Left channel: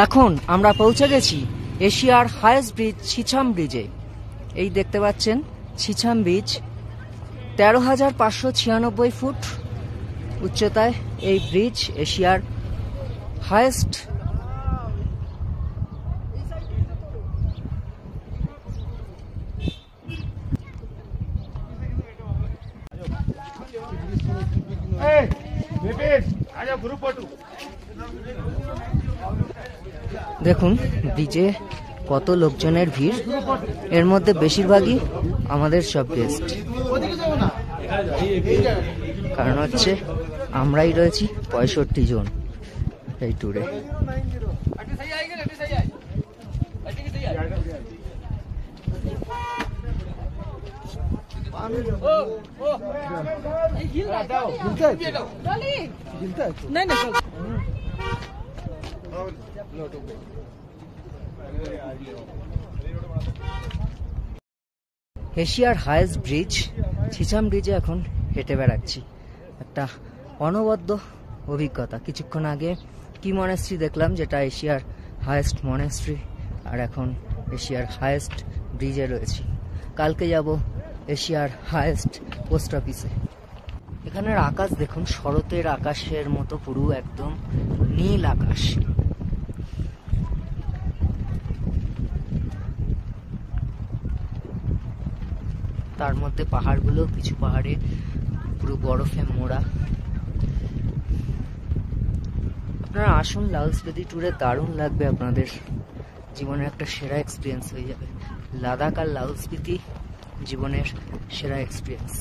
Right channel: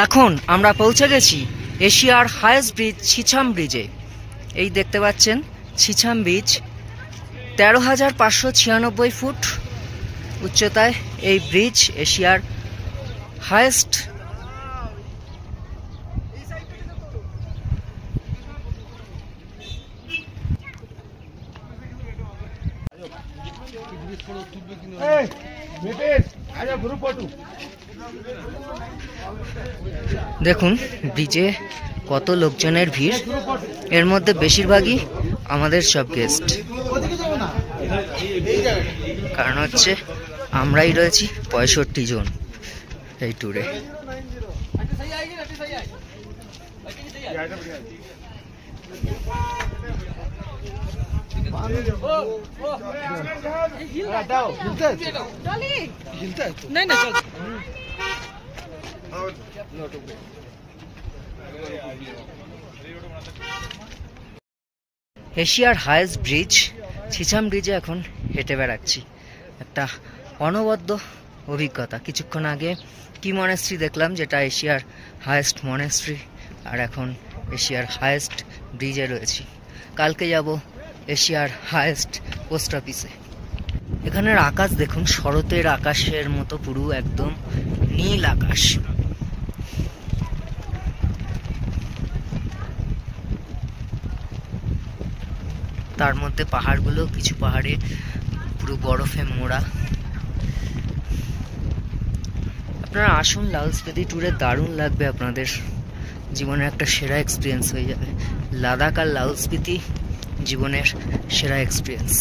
এখন আমরা পৌঁছে গেছি এশিয়ার হাইয়েস্ট ব্রিজ ছিছাম ব্রিজে। এই দেখতে পাচ্ছেন ছিছাম ব্রিজ, 13,596 ফুট উচ্চতায় এই ব্রিজ এশিয়ার হাইয়েস্ট। দেখুন ব্রিজে কত লোকজনের ভিড়, এর মধ্যে বেশিরভাগই আমাদের সব গেস্ট। কারণ হচ্ছে আমরাই রয়েছি 65 জন এই ট্যুরে। এশিয়ার হাইয়েস্ট ব্রিজ ছিছাম ব্রিজে এখন হেঁটে বেড়াচ্ছি, একটা অনবদ্য অভিজ্ঞতা। কিছুক্ষণ আগে কি মনেস্ট্রি দেখলাম, যেটা এশিয়ার হাইয়েস্ট মনেস্ট্রি, আর এখন এশিয়ার হাইয়েস্ট ব্রিজে রয়েছি। কালকে যাব এশিয়ার হাইয়েস্ট পোস্ট অফিসে। এখানের আকাশ দেখুন, শরতের আকাশের মতো পুরো একদম নীল আকাশ। তার মধ্যে পাহাড়গুলো, কিছু পাহাড়ে পুরো বরফে মোড়া। আপনারা আসুন, লাল স্পিতি ট্যুরে দারুণ লাগবে আপনাদের, জীবনের একটা সেরা এক্সপিরিয়েন্স হয়ে যাবে। লাদাখ আর লাল স্পিতি জীবনের সেরা এক্সপিরিয়েন্স।